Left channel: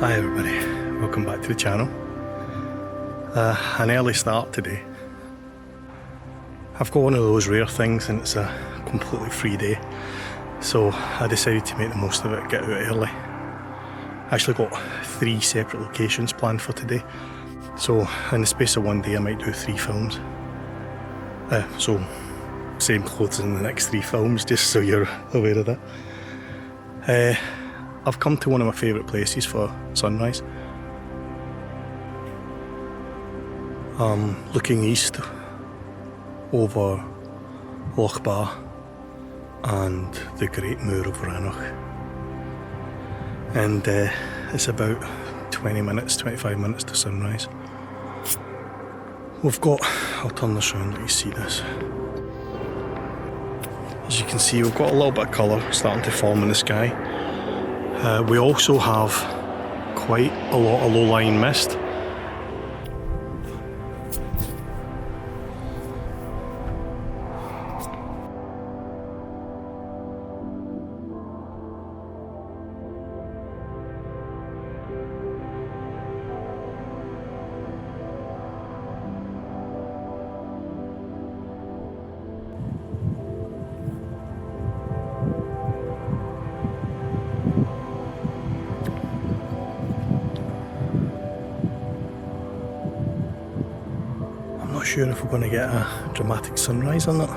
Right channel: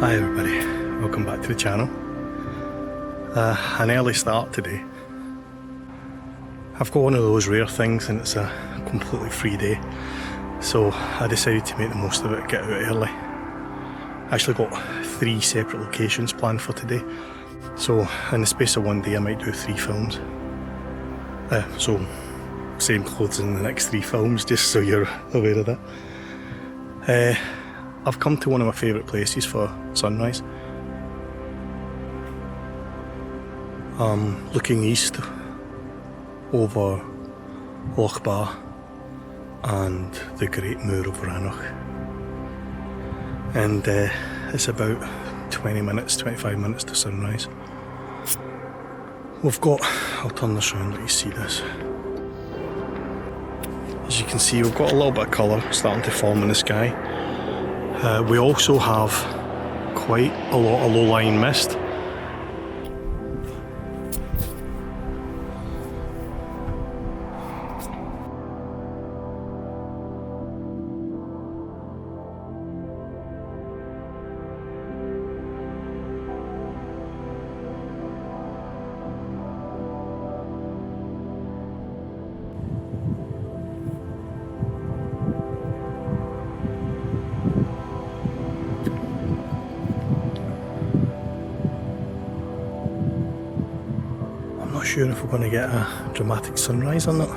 Hi everybody, welcome back to the channel. An early start today. I've got one of those rare things and it's a completely free day, so I decided to make the most of it, get out early. I actually got 3 separate locations planned for today, so in the space of one day I might do 3 films. So same clothes in the next 3 films, just so you're aware of that. I've come to one of my favourite places for sunrise. I'm looking east over Loch Ba and the Great Moor of Rannoch. And it's about 25 minutes to sunrise. We've got, I'll turn this around, let you see this. As you can see, we've got a little bit of colour starting to form in the sky. We also have quite a lot of low-lying mist. I'm not sure if we're going to get a dramatic sunrise or not.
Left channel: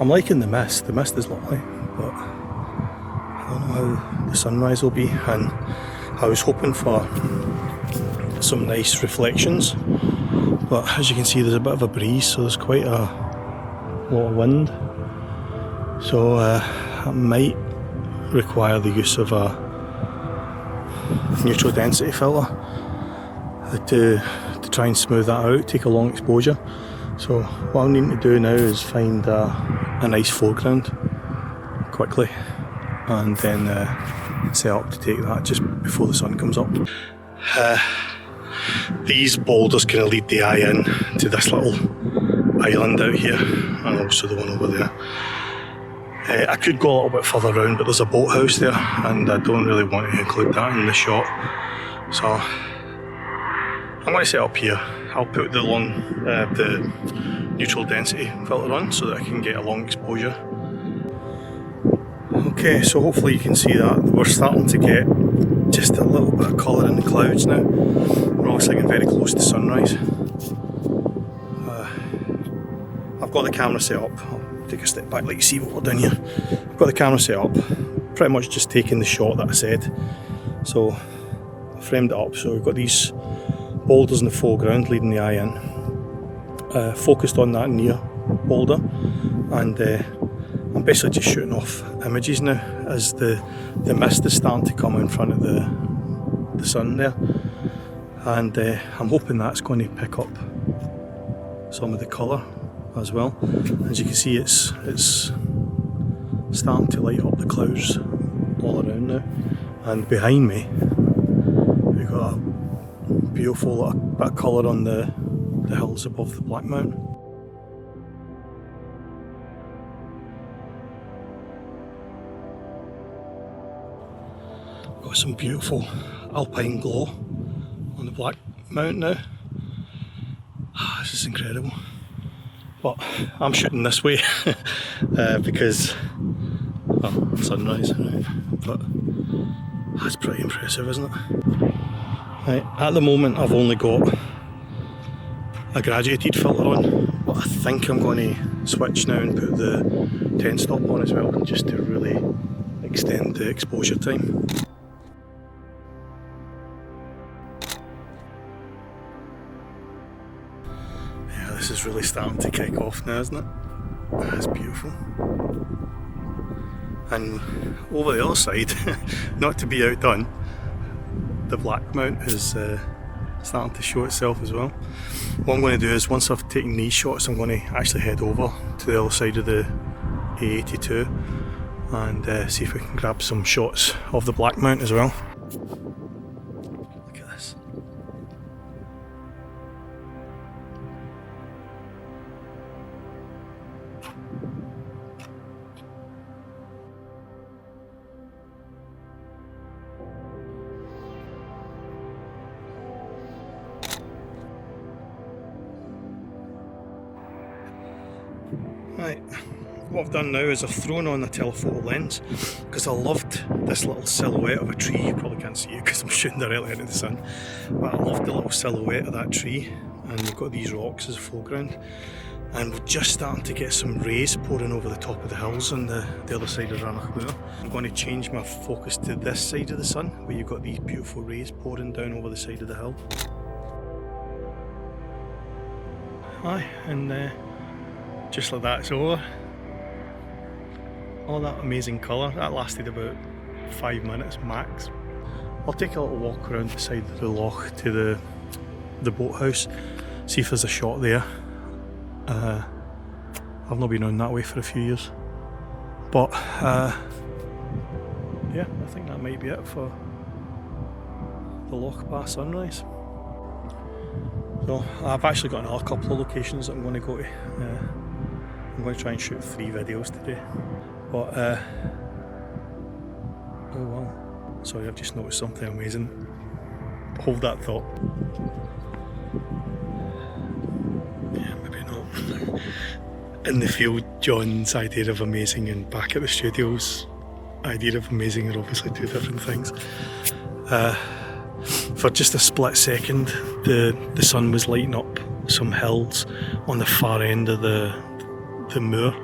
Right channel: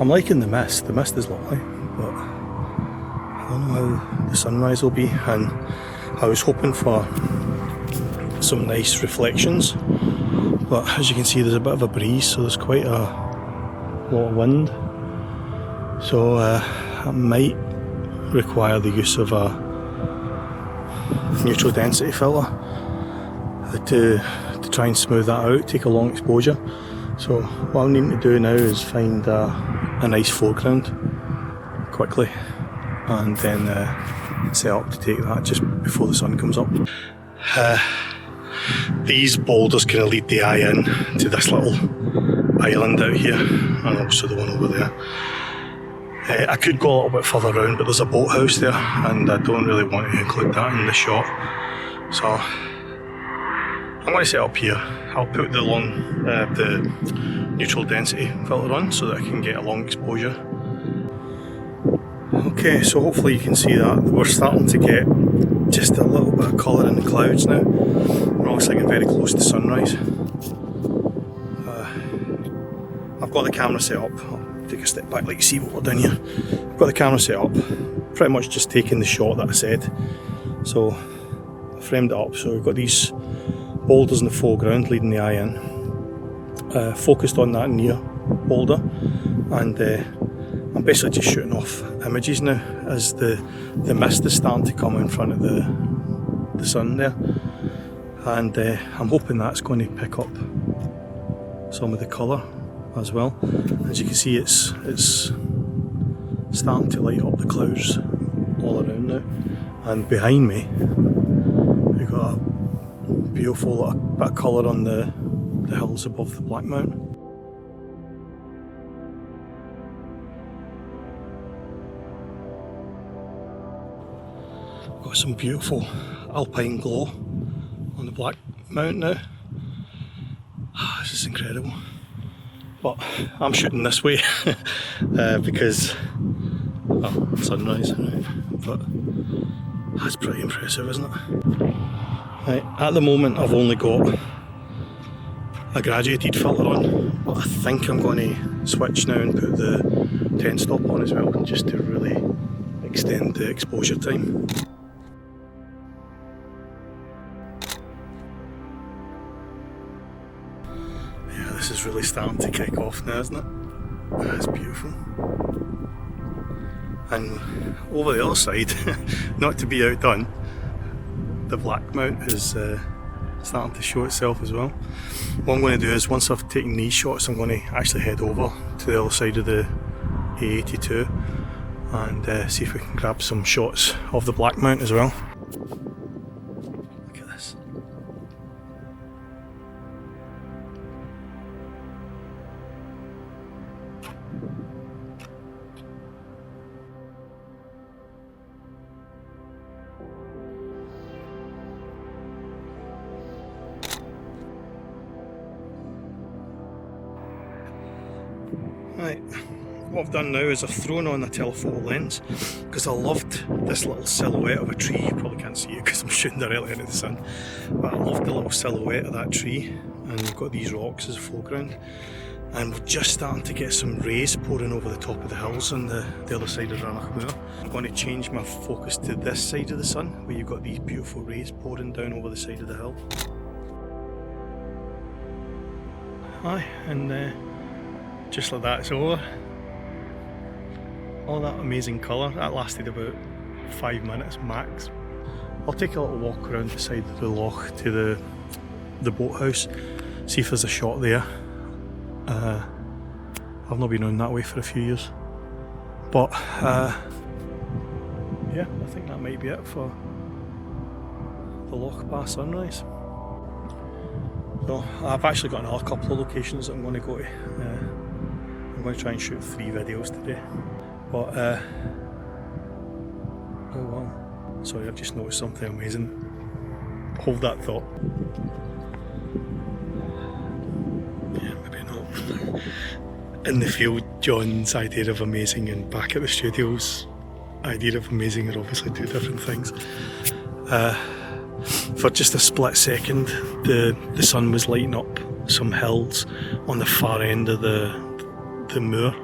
I'm liking the mist is lovely, but I don't know how the sunrise will be, and I was hoping for some nice reflections, but as you can see there's a bit of a breeze, so there's quite a lot of wind, so I might require the use of a neutral density filter to try and smooth that out, take a long exposure. So what I'm needing to do now is find a nice foreground quickly and then set up to take that just before the sun comes up. These boulders kind of lead the eye in to this little island out here, and also the one over there. I could go a little bit further around, but there's a boathouse there and I don't really want to include that in the shot. So I'm going to set up here. I'll put the neutral density filter on so that I can get a long exposure. Okay, so hopefully you can see that. We're starting to get just a little bit of colour in the clouds now. We're obviously getting very close to sunrise. I've got the camera set up. I'll take a step back, let you see what we're doing here. I've got the camera set up, pretty much just taking the shot that I said. So I framed it up, so we've got these boulders in the foreground leading the eye in. Focused on that near boulder, and I'm basically just shooting off images now as the mist is starting to come in front of the sun there, and I'm hoping that's going to pick up some of the colour as well. As you can see, it's starting to light up the clouds all around now, and behind me we've got a beautiful bit of colour on the hills above the Black Mountain. Got some beautiful alpine glow on the Black Mountain now. This is incredible. But I'm shooting this way because, well, sunrise, right? But that's pretty impressive, isn't it? Right, at the moment I've only got a graduated filter on, but I think I'm going to switch now and put the 10 stop on as well, just to really extend the exposure time. Yeah, this is really starting to kick off now, isn't it? That's beautiful. And over the other side, not to be outdone, the Black Mount is starting to show itself as well. What I'm going to do is, once I've taken these shots, I'm going to actually head over to the other side of the A82 and see if we can grab some shots of the Black Mount as well. Look at this. Right, what I've done now is I've thrown on a telephoto lens because I loved this little silhouette of a tree. You probably can't see it because I'm shooting directly into the sun, but I loved the little silhouette of that tree, and we've got these rocks as a foreground, and we're just starting to get some rays pouring over the top of the hills on the other side of Rannoch Moor. I'm going to change my focus to this side of the sun where you've got these beautiful rays pouring down over the side of the hill. Aye, and just like that, it's over. All that amazing colour, that lasted about 5 minutes max. I'll take a little walk around the side of the loch to the boathouse, see if there's a shot there. I've not been on that way for a few years, but yeah, I think that might be it for the Loch Ba sunrise. So I've actually got another couple of locations that I'm going to go to. I'm going to try and shoot 3 videos today, but oh wow, sorry, I've just noticed something amazing. Hold that thought. Yeah, maybe not. In the field, John's idea of amazing and back at the studio's idea of amazing are obviously 2 different things. For just a split second, the sun was lighting up some hills on the far end of the moor,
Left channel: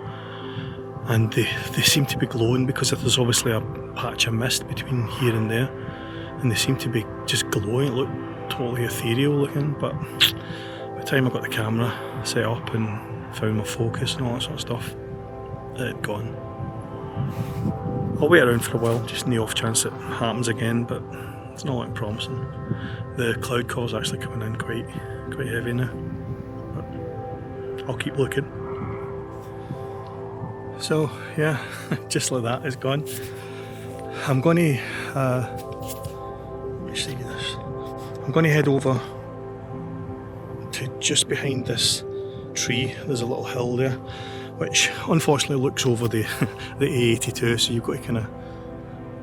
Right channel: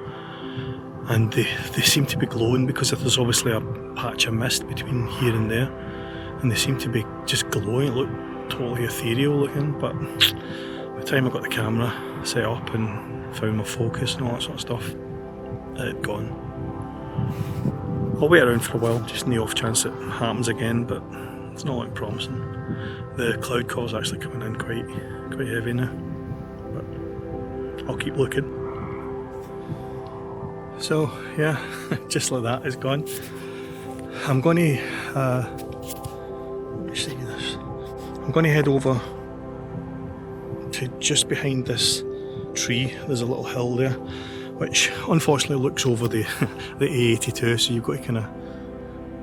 and they seem to be glowing because if there's obviously a patch of mist between here and there, and they seem to be just glowing. It looked totally ethereal looking, but by the time I got the camera set up and found my focus and all that sort of stuff, it had gone. I'll wait around for a while, just in the off chance it happens again, but it's not looking promising. The cloud cover's actually coming in quite heavy now, but I'll keep looking. So yeah, just like that, it's gone. I'm going to let me see this. I'm going to head over to just behind this tree. There's a little hill there, which unfortunately looks over the A82, so you've got to kind of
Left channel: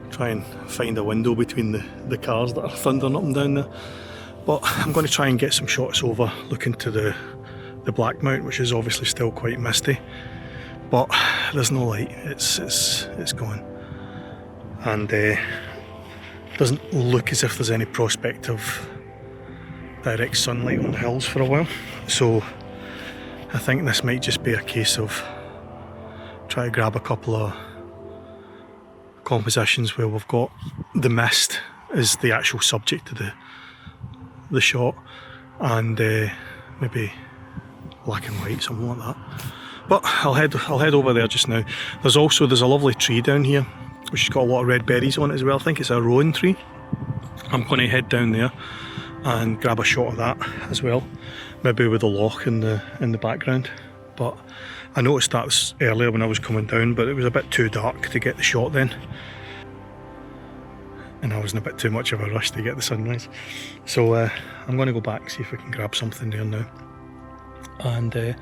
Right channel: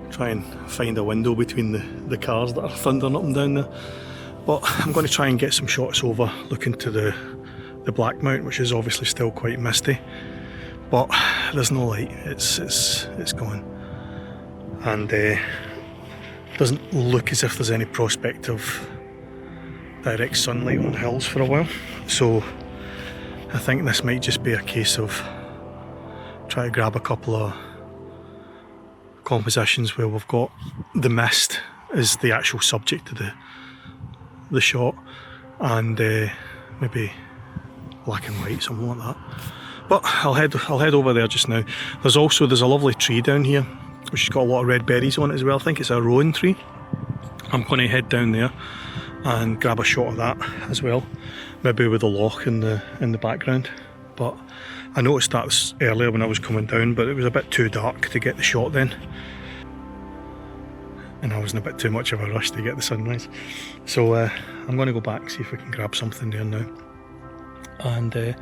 try and find a window between the cars that are thundering up and down there. But I'm going to try and get some shots over looking to the Black Mount, which is obviously still quite misty, but there's no light. It's gone, and doesn't look as if there's any prospect of direct sunlight on the hills for a while. So I think this might just be a case of try to grab a couple of compositions where we've got the mist as the actual subject of the shot, and maybe black and white, something like that. But I'll head over there just now. There's a lovely tree down here which has got a lot of red berries on it as well. I think it's a rowan tree. I'm going to head down there and grab a shot of that as well, maybe with the loch in the background. But I noticed that earlier when I was coming down, but it was a bit too dark to get the shot then, and I was in a bit too much of a rush to get the sunrise. So I'm going to go back, see if I can grab something there now, and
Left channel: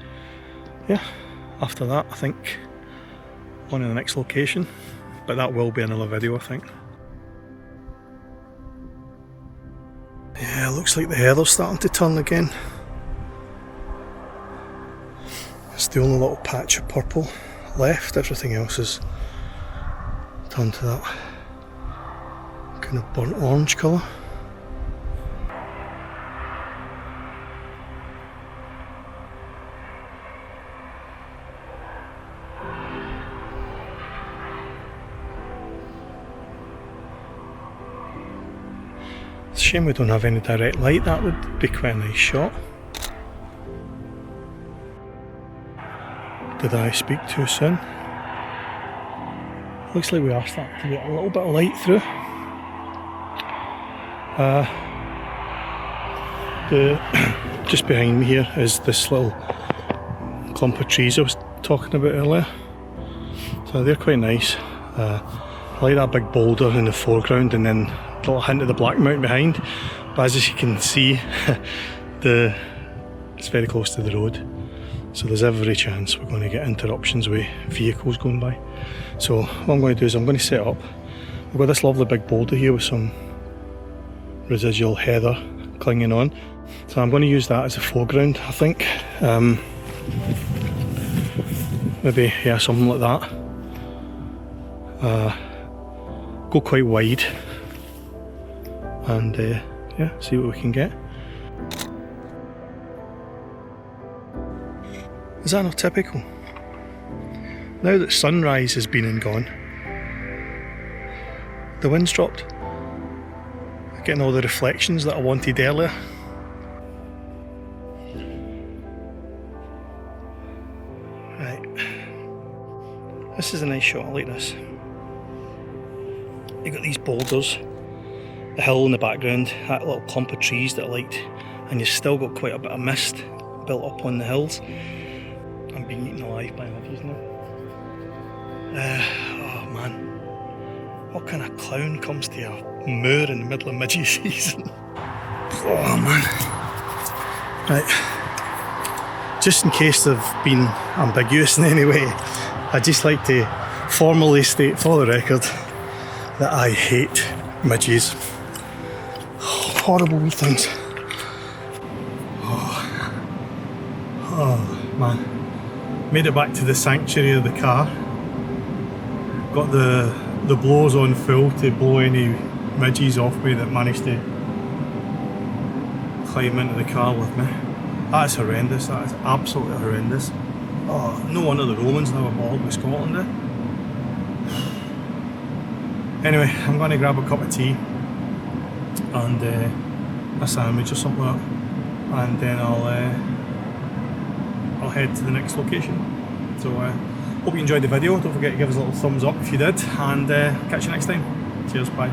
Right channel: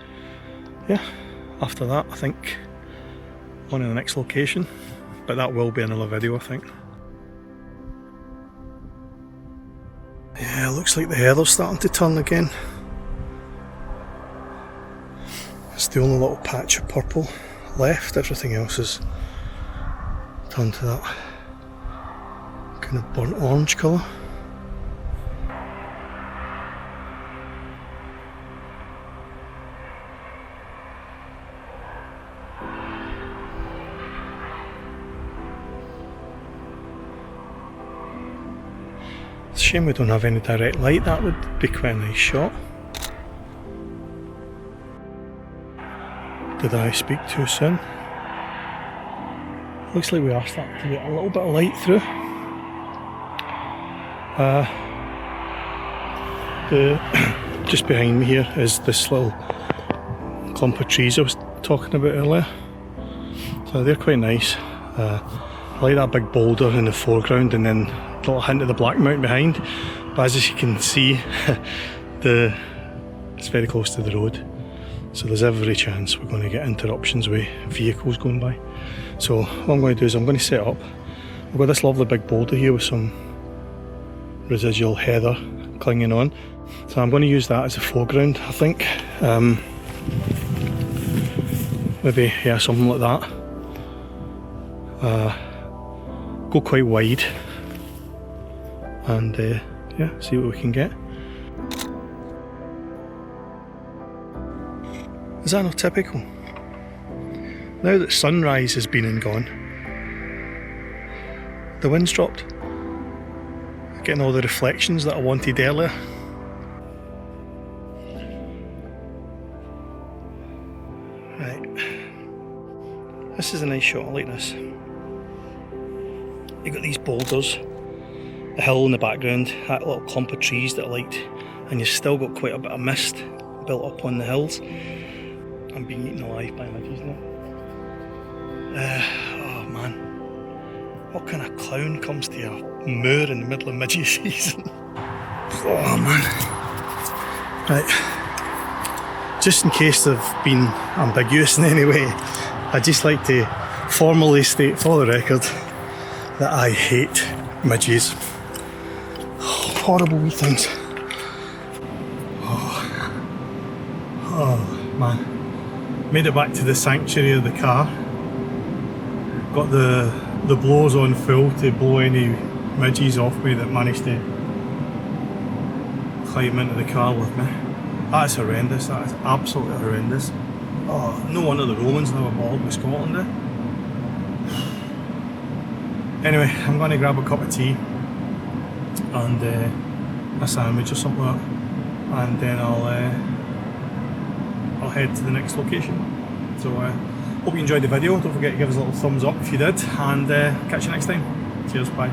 yeah, after that I think on to the next location, but that will be another video I think. Yeah, it looks like the heather's starting to turn again. It's the only little patch of purple left, everything else is turned to that kind of burnt orange colour. It's a shame we don't have any direct light, that would be quite a nice shot. Did I speak too soon? Looks like we are starting to get a little bit of light through. Just behind me here is this little clump of trees I was talking about earlier. So they're quite nice. I like that big boulder in the foreground and then a little hint of the Black Mount behind. But as you can see, it's very close to the road. So there's every chance we're going to get interruptions with vehicles going by. So what I'm going to do is I'm going to set up. We've got this lovely big boulder here with some residual heather clinging on. So I'm going to use that as a foreground, I think. maybe, yeah, something like that. Go quite wide and yeah, see what we can get. Is that not typical? Now that sunrise has been and gone, the wind's dropped. Getting all the reflections that I wanted earlier. Right, this is a nice shot, I like this. You've got these boulders, the hill in the background, that little clump of trees that I liked, and you've still got quite a bit of mist built up on the hills. I'm being eaten alive by midges now. Oh man, what kind of clown comes to a moor in the middle of midges season? Oh man. Right, just in case they've been ambiguous in any way, I'd just like to formally state for the record that I hate midges. Horrible wee things. Oh man. Made it back to the sanctuary of the car. Got the blows on full to blow any midges off me that managed to climb into the car with me. That is horrendous, that is absolutely horrendous. Oh, no wonder the Romans never bothered with Scotland there. Anyway, I'm going to grab a cup of tea and a sandwich or something like that, and then I'll head to the next location. So hope you enjoyed the video. Don't forget to give us a little thumbs up if you did, and catch you next time. Cheers, bye.